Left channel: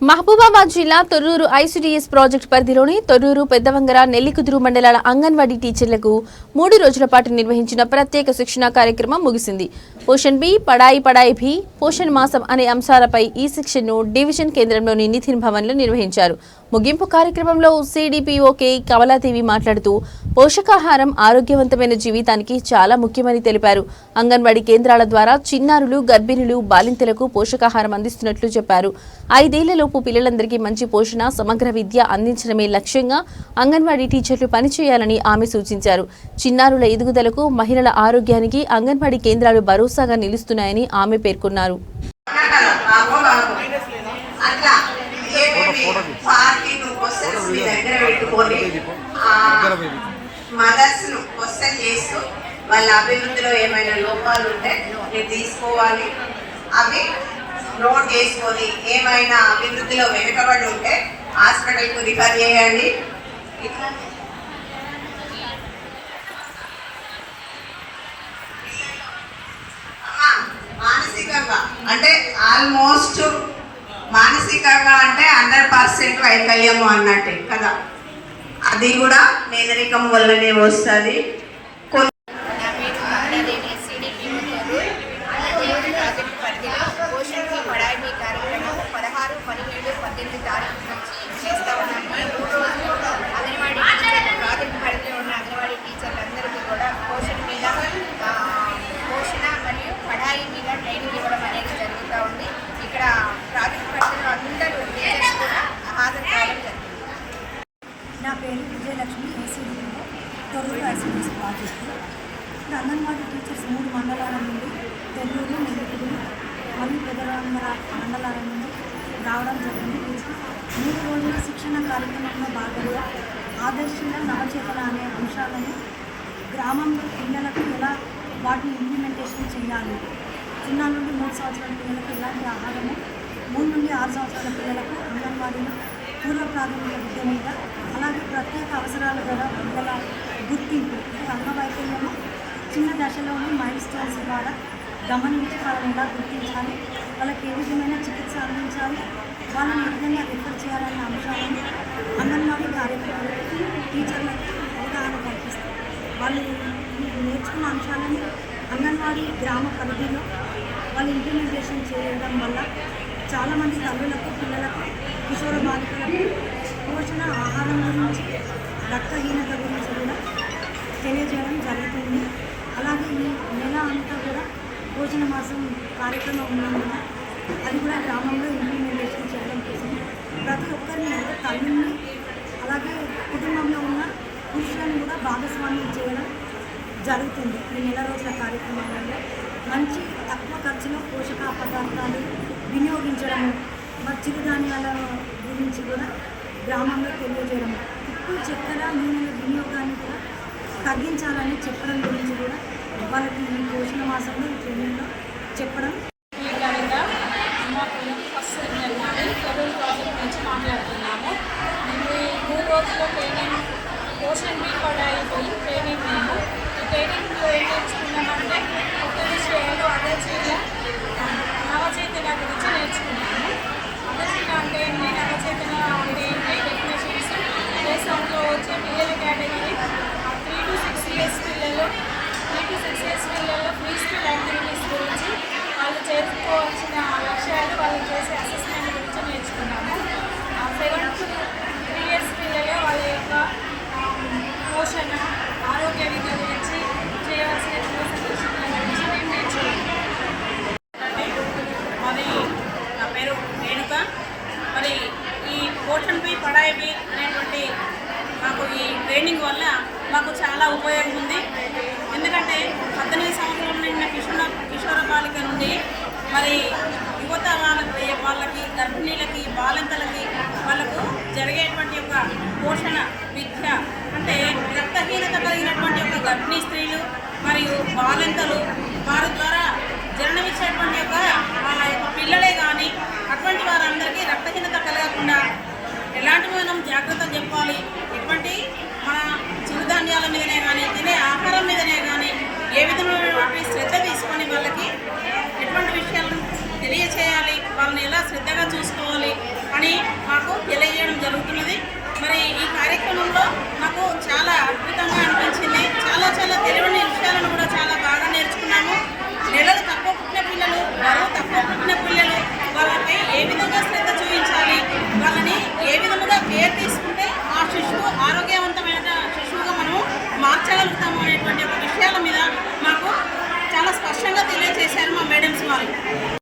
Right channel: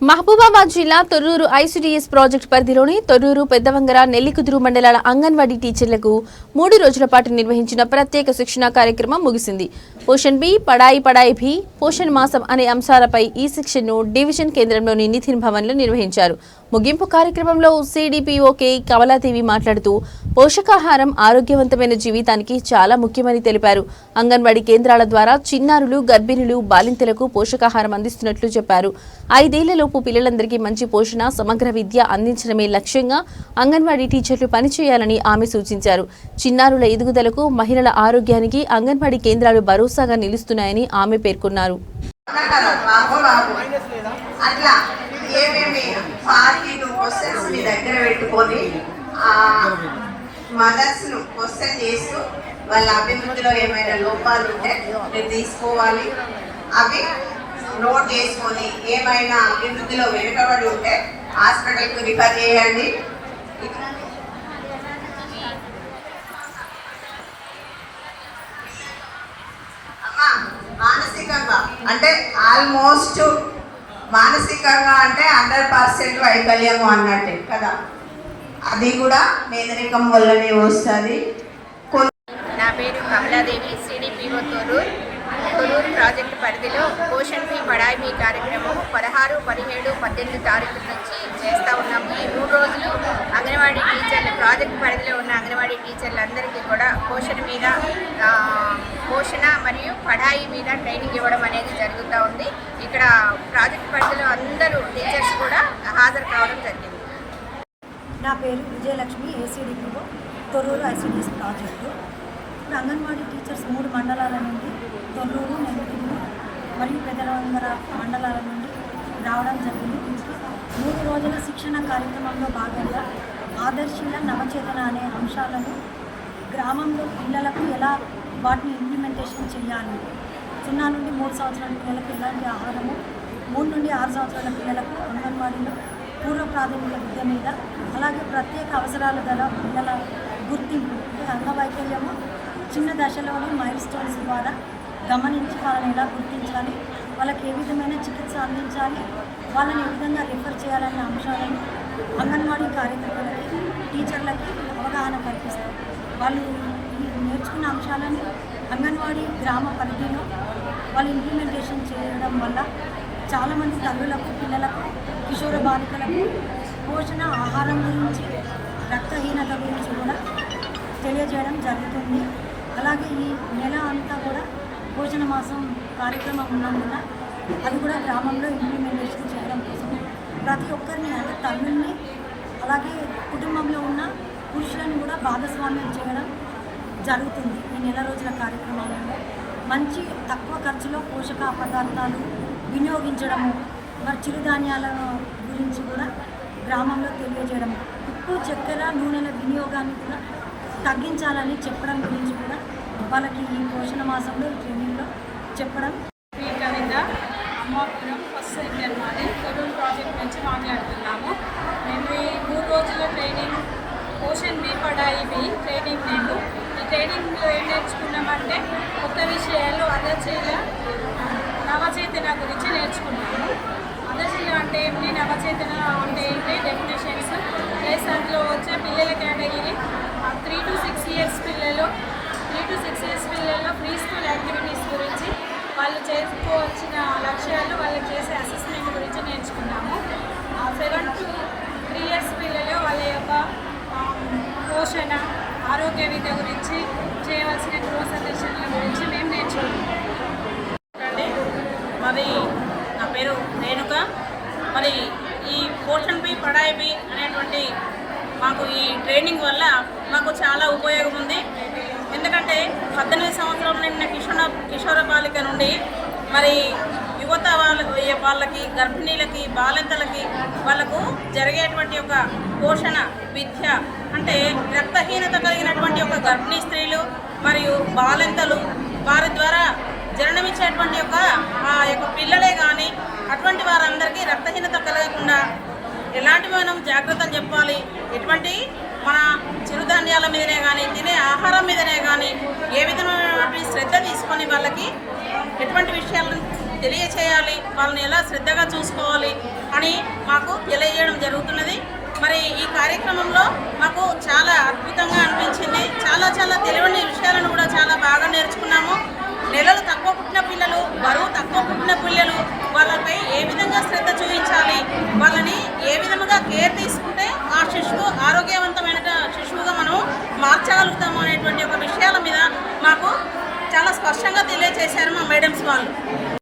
మహబూబాబాద్ జిల్లా Thorrur ICDS project పరిధిలోని తొర్రూరు పెద్దవంగర నెల్లికుదురు మండలాల అంగన్వాడీ టీచర్లకు మూడు రోజుల పాటు నిర్వహించిన ప్రత్యేక శిక్షణా కార్యక్రమం ముగిసింది. పోషన్ బి పడాయి పడాయి బి పోషణ్ మాసం అనే అంశాలపై ఈ శిక్షణను డివిజన్ కేంద్రంలోని నితిన్ భవన్లో నిర్వహించారు. ముగింపు కార్యక్రమంలో సిడిపిఓకే కమలాదేవి మాట్లాడుతూ పోషకాహారం ఆరోగ్యవంతమైన జీవితానికి చాలా ముఖ్యమని తెలిపారు. అంగన్వాడీ కేంద్రాల ద్వారా చిన్నారులు గర్భిణులు బాలింతలకు పోషకాహారం అందిస్తున్నట్లు చెప్పారు. ఐదేళ్ళలోపు పిల్లలందరికీ మంచి పోషణ సమగ్ర విద్య అందించడమే లక్ష్యంగా అంగన్వాడీ టీచర్లు పనిచేయాలని ఆమె సూచించారు. చిన్నారుల ఎదుగుదలకు మహిళల ఆరోగ్యానికి అంగన్వాడీ కేంద్రాలు భరోసాగా నిలుస్తున్నాయని ఆమె పేర్కొన్నారు. అట్లా. ఏమేమి పార్టీలు క్వశ్చన్స్ మీ దగ్గర పెట్టుకొని మదర్స్ను క్వశ్చన్ చేస్తూ వాళ్ళ అభివృద్ధిలో ఏమైనా లోపాలు ఉంటే మీరు తీసుకోవాలి. అవి నోట్ చేసుకొని ఏమైనా అభివృద్ధిలో వెనుకబడి ఉంటే హాస్పిటల్కు రిఫర్ చేయండి. మానసికంగా అంటే ఆల్మోస్ట్ మానసికంగా అంటే హండ్రెడ్ పర్సెంట్ వైకల్యము అన్నట్టే కదా. అది కూడా మేదరికం వల్లనే వస్తుంది. నా పేరు కమలాదేవి సిడిపిఓ తొర్రూర్ ప్రాజెక్టు పరిధిలో పోషణ్ ఫీ పడాయి మీ కార్యక్రమం పదహారు పదిహేడు పద్దెనిమిది తారీఖు నుంచి చేస్తూ ఉన్నాము ఈ మూడు రోజులు అంగన్వాడీ టీచర్లు ప్రాజెక్టు పరిధిలో ఉన్న అంగన్వాడీ టీచర్లందరికీ కూడా పోషణ మీద పోషణ మరియు పడాయి మీద ట్రైనింగ్ ఇవ్వడం అనేది జరుగుతూ ఉంది. ఇక్కడ ప్రాజెక్ట్ పరిధిలో అందరూ టీచర్స్ కూడా హాజరు కావడం జరిగింది. నా పేరు విజయలక్ష్మి ఏసీడీలో తొర్రూరు ఐసీడీఎస్ ప్రాజెక్టు. ఇప్పుడు అంగన్వాడీ టీచర్స్ మూడు మండలాల నుండి తొర్రూరు నెల్లూరు మరియు పెద్దలందర మండలాల నుండి రావడం జరిగింది. మూడు రోజుల శిక్షణ కార్యక్రమంలో భాగంగా ఆదర్శంగా నవచేతన అనే అంశాలను గ్రామంలో పిల్లలకు ఎలా వాటిని ఇంప్లిమెంటేషన్ చేయాలి? సున్నా నుండి మూడు సంవత్సరాల పిల్లలకు ఎలాంటి ఆహారము? మూడు నుండి ఆరు సంవత్సరాల పిల్లలకు అంగన్వాడీలో పూర్వ ప్రాథమిక విద్య మీద అలాగే ప్రత్యేక అవసరాలు గల పిల్లల గుర్తింపు అంటే అంగవైకల్యము చిన్న దశలోనే మైల్ స్టోన్స్ ద్వారా గమనించి వాళ్ళని ఎలా గుర్తించాలి. వాళ్ళకి ఏ విధమైన చికిత్స అందించాలి? వాళ్ళని ఏ విధంగా రిఫర్ చేయాలనే అంశాలను అంగన్వాడీ కార్యక్రమం టీచర్లకి అవగాహన కల్పిస్తారు. వాళ్ళు నేర్చుకున్న అంశాలని అంగన్వాడీ గ్రామ పరిధిలో వాళ్ళు ఇంప్లిమెంటేషన్ చేయడం వల్ల చాలామంది తల్లులకు పిల్లలకు కిషోర బాలికలకు పోషణ ఆహారం గురించి రక్తహీనత గురించి కూడా తెలియజేయడం జరుగుతుంది. అలాగే ఈ నెల అంతా కూడా పోషణ మాసం కార్యక్రమం ఉన్నందున అది కూడా గ్రామంలో ఇంప్లిమెంటేషన్ చేయడం కోసం ప్రతి ఒక్కరిని తల్లుల్ని అలాగే కుటుంబంలో భాగస్వామ్యం చేయడం జరుగుతుంది. ఈ నెల రోజుల కార్యక్రమాలలో మంచి తక్కువ ఖర్చులో పోషక పదార్థాలు వినియోగించడము మరి చిరుధాన్యాల గురించి కూడా గ్రామంలో తెలియజేయడం ఉప్పు చక్కెర నూనెల వినియోగాన్ని కూడా తగ్గించాలని చెప్పడం గురించి కూడా వాళ్ళకి ఈ పోషణ మాసంలో ట్రైనింగ్లో చెప్పడం. ఈ అమ్మాపురం ఫస్ట్ సెమినార్ మాది తొరూరు ప్రాజెక్ట్ నుంచి మాట్లాడుతున్నాము మేము ఈ మూడు రోజుల ట్రైనింగ్ క్వశ్చన్ బి పడాయి బి ట్రైనింగ్ మేము. ఈ ట్రైనింగ్లో ఏం నేర్చుకున్నామంటే కొత్త విషయాలు అదర్శీల నవచేతన గురించి నేర్చుకున్నాము. అదర్శీల అంటే ఏంటి నవచేతన అంటే ఏంటి డెఫినేషన్స్ ప్లస్ అందులో వచ్చే పిల్లల category three to six years పిల్లలు త్రీ టు సిక్స్ ఇయర్స్ పిల్లల్లో ఫ్రీ స్కూల్ యాక్టివిటీస్ గురించి వాళ్ళు చేసుకోవాల్సిన లక్ష్యాలు వాళ్ళు చేసే అసెస్మెంట్ గురించి నేర్చుకున్నాము. సెవెన్ టు త్రీ ఇయర్స్ పిల్లలు వాళ్ళ యొక్క పోషణ ఆరోగ్య విద్య గురించి చేయవలసిన గృహ గురించి మేము నేర్చుకుంటాం అండి నా పేరు రేణుక. మరి ఈ పోషణ్ బి పడాయి బి అనేటువంటి మాకు ఈ ట్రైనింగ్ వల్ల మాకు చాలా ఉపయోగం ఉంది. ఎందుకంటే పద్దెనిమిది సంవత్సరం నిండిన కిషోర కిషోర బాలిక నుండి మరి యువత వాళ్ళకి వాళ్ళకి గర్భిణీలకి బాలింతలకి వాళ్ళకు జరిగేటువంటి ఒక పోషణ విద్య అంటే రక్తహీనత కలిగినటువంటి ఒక గర్భిణీ స్త్రీలు మరియు బాలింతలు వారి ద్వారా జరణమిచ్చేటువంటి యొక్క ఆ యొక్క పిల్లలే కానీ అటువంటి వారందరికీ రక్తహీనత కలగకుండా ఎలాంటి మనం జాగ్రత్తలు చెప్పాలి? ఎటువంటి మన చిరుధాన్యాల మీదనే కానీ తినే ఆహారం మీదనే కానీ ఏ విధమైనటువంటి శ్రద్ధ తీసుకొని వాళ్ళకి ఎటువంటి విషయాలను తెలియచేయాలి వాళ్ళని ఎలా శ్రద్ధగా చూసుకోవాలి అని మాకు తెలియజేయడం జరుగుతున్నది. మరి ఈ కార్యక్రమంలో మాకు చాలా అద్భుతంగా అనిపించింది. చాలా చాలా తెలియని విషయాలను కూడా చాలా బాగా నేర్చుకున్నాము. నెలలు తక్కువ పుట్టిన పిల్లలు బరువు తక్కువ పుట్టిన పిల్లలు వాళ్ళపై ఏ విధంగా శ్రద్ధ చూపించాలి వాళ్ళని ఏ విధముగా కేర్ తీసుకుంటే ఆ శిశువు ఆరోగ్యవంతమైన శిశువుగా మనం మార్చగలుగుతాము అనేటువంటి ఒక విషయాల మీద మాకు చాలా స్పష్టంగా తెలియజేశారు మా మేడమ్స్ వాళ్ళు.